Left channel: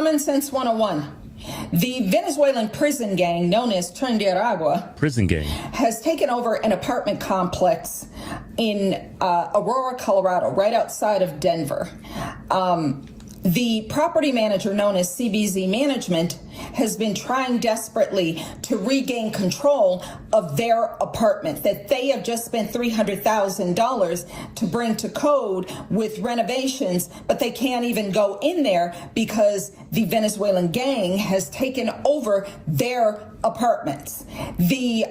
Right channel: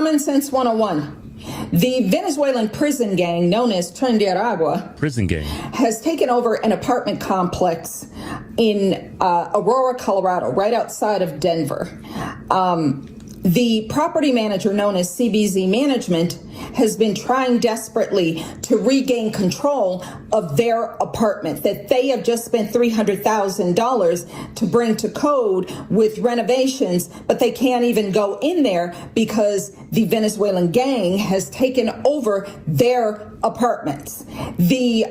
Common Sense 101. The Venezuelan prison gang known as Tren de Aragua has taken over an apartment complex in Aurora, Colorado, right outside of Denver. The property manager known as CBZ Management has been trying desperately to regain control of their apartment that they have just spent $300,000 to bring to code with renovations, but they can't even go in there because the Venezuelan gang has taken over their apartments. The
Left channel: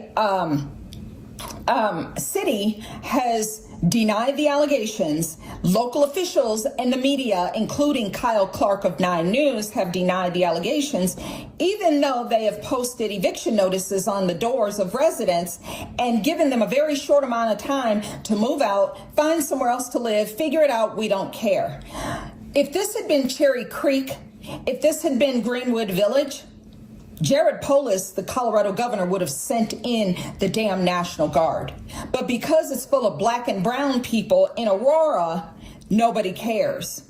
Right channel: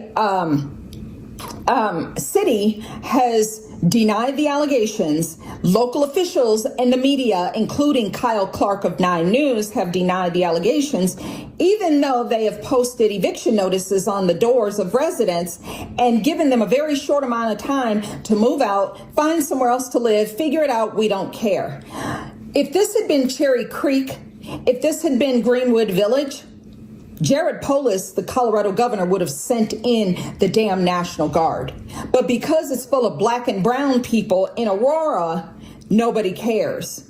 city has denied the allegations. Local officials and the media, including Kyle Clark of 9 News, have denied the allegations, even though they have posted eviction notices on the doors of residents and given them a very short amount of time to move out, find somewhere else to live, figure it out, we don't care. If this had been Cherry Creek, if this had been Greenwood Village, Jared Polis, the Colorado governor, would have sent in the damn National Guard. But because it's full of black and brown people in Aurora, nobody cares.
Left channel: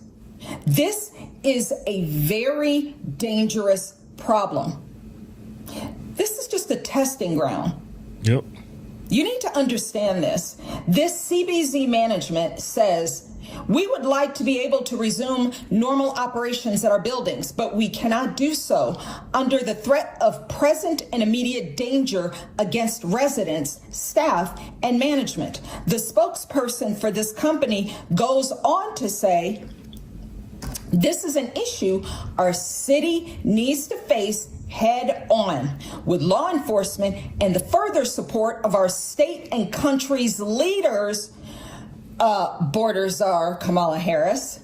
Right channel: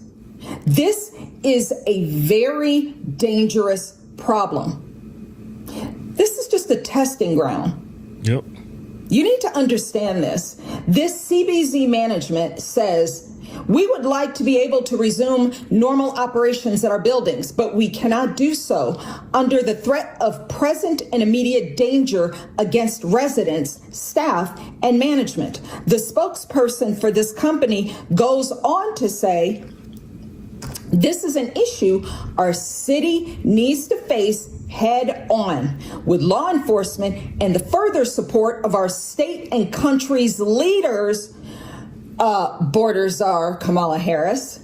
This is a very dangerous problem. This is just a testing ground. Yep. You need to understand this. This CBZ Management says, we would like to be able to resume normal operations at our buildings, but we cannot do so under the threat of present and immediate danger against residents, staff, and management. The spokesperson for this company goes on to say, this is an issue our city needs to face head on with law enforcement and the further support of our state and country's leaders, border czar Kamala Harris,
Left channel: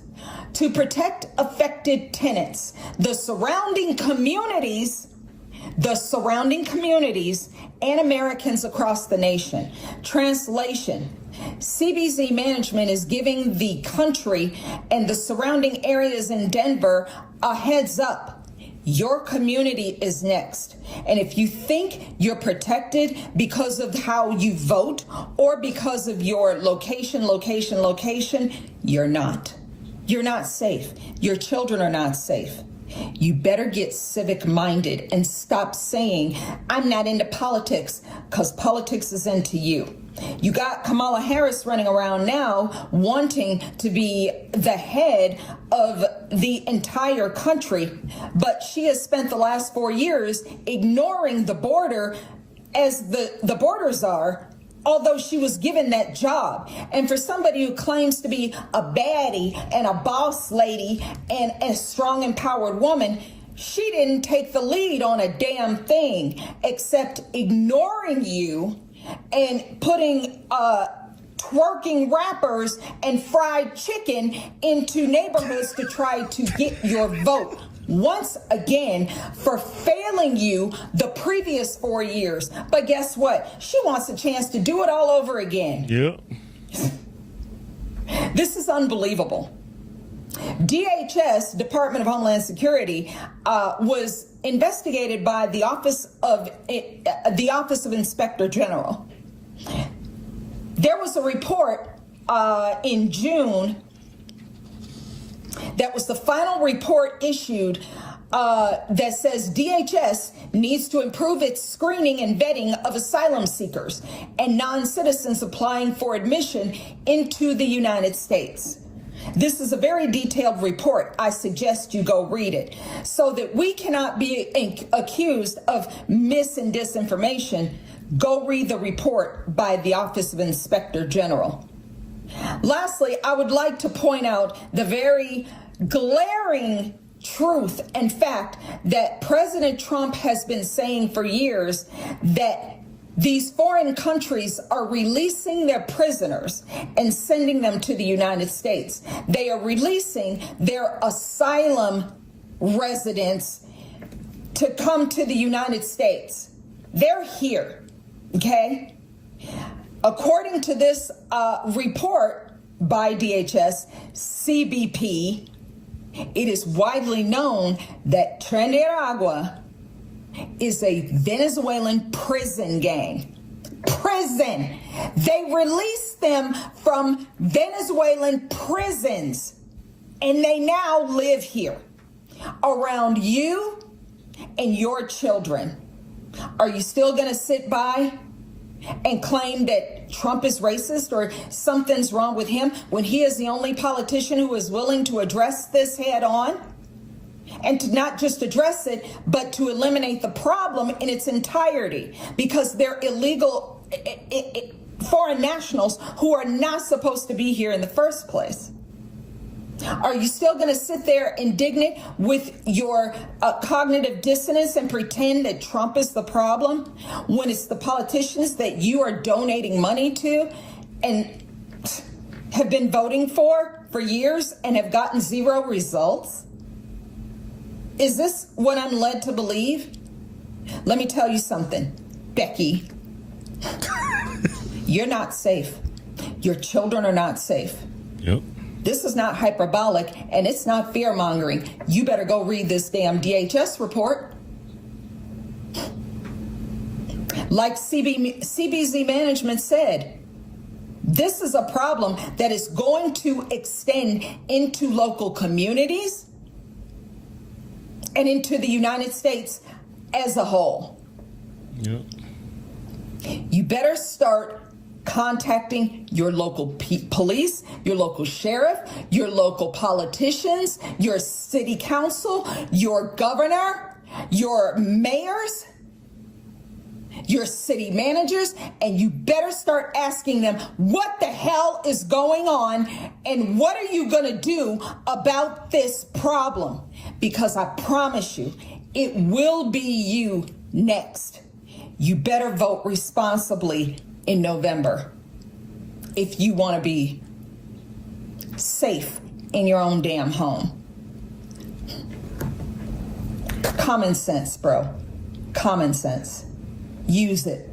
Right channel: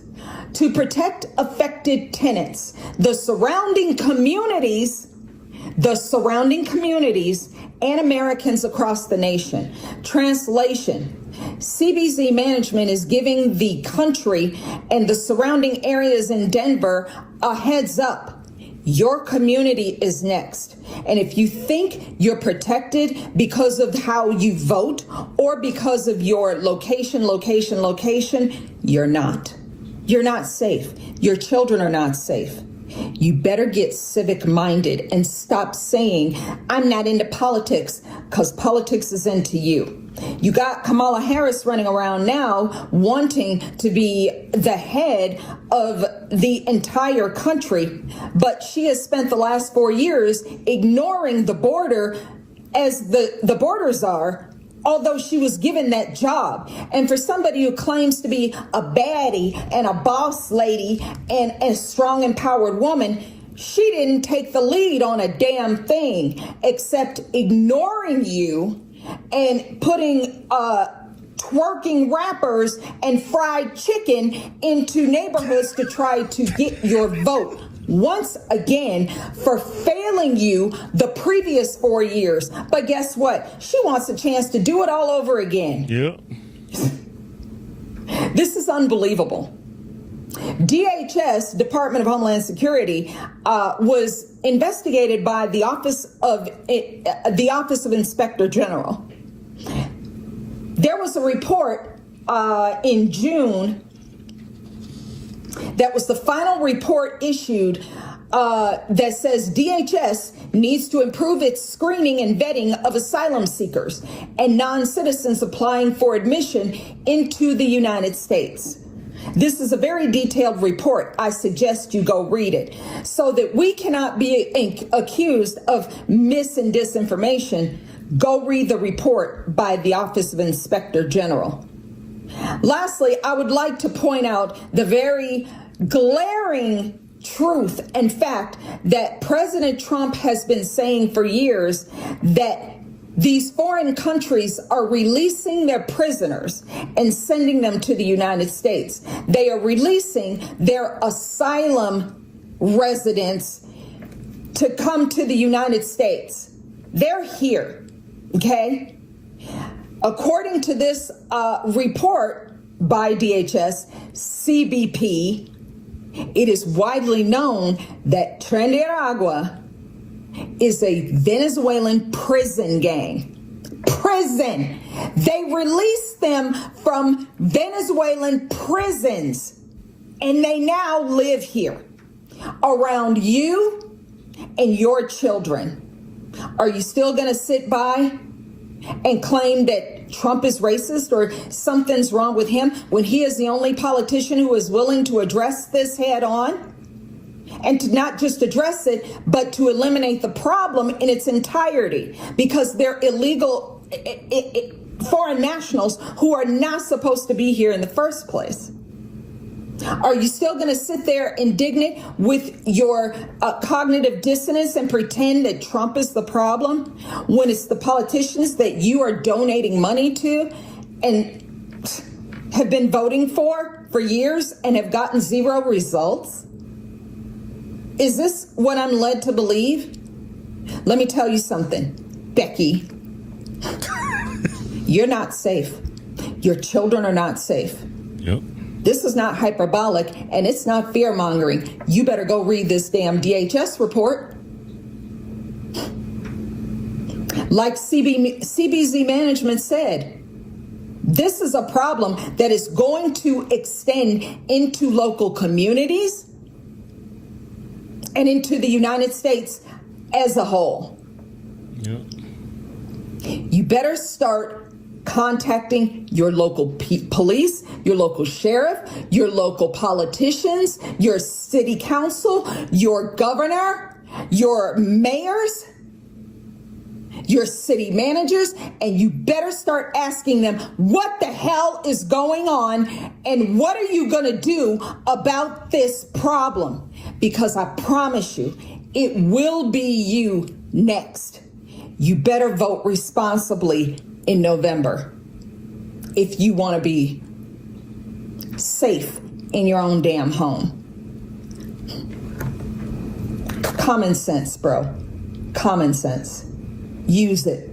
to protect affected tenants, the surrounding communities, and Americans across the nation. Translation: CBZ Management is giving the country and the surrounding areas in Denver a heads up. Your community is next. And if you think you're protected because of how you vote or because of your location, you're not. You're not safe. Your children are not safe. You better get civic minded and stop saying, I'm not into politics, because politics is into you. You got Kamala Harris running around now wanting to be the head of the entire country, but she has spent the last 4 years ignoring the border as the border czar, although she was given that job. And for somebody who claims to be a baddie and a boss lady and a strong, empowered woman, she didn't take the lead on a damn thing except ignoring you and putting twerking rappers and fried chicken into neighborhoods to try to get your vote. Once again, for failing you the previous 4 years. But guess what? She wants a chance to do it all over again. Yeah. This is unbelievable. DHS, Department of Homeland Security, was investigated by the Office of Inspector General. There was a report in June that was the final report issued that says DHS needs to improve its screening and vetting of asylum seekers and non-citizens applying for admission into the United States. This is a very detailed report. I suggest you go read it so that we cannot be accused of mis and disinformation. Go read the report by the Office of Inspector General. Lastly, I would like to point out the very glaring truth and fact that President Trump has been saying for years, that these foreign countries are releasing their prisoners and sending them to the United States. They are releasing their asylum residents to come to the United States. They're here, okay? According to this report by DHS, CBP, it is widely known that Tren de Aragua is a Venezuelan prison gang. Prison. They released them from Venezuelan prisons, and they now live here. around you and your children. Are you still going to sit by and claim that Trump is racist or something's wrong with him when he is the only politician who is willing to address this head on? And to not just address it, but to eliminate the problem in its entirety, because they're illegal foreign nationals who are not supposed to be here in the first place. Are you still going to sit there indignant with your cognitive dissonance and pretend that Trump is the problem when it's the politicians that you are donating money to and have been voting for years and have gotten zero results? Is this what I'm led to believe? Let me tell you something, Becky. You're not safe. Your children are not safe. Yep. This is not hyperbolic, and it's not fear-mongering. You better go read this damn DHS report. Like CBZ Management said, this is a problem that is going to extend into local communities and into the United States as a whole. Yep. You better start contacting your local police, your local sheriff, your local politicians, your city council, your governor, your mayors, your city managers, and you better start asking them what the hell is going on and what are you going to do about this problem? Because I promise you, it will be you next. You better vote responsibly in November if you want to be safe in your own damn home. Common sense, bro. Common sense. Use it.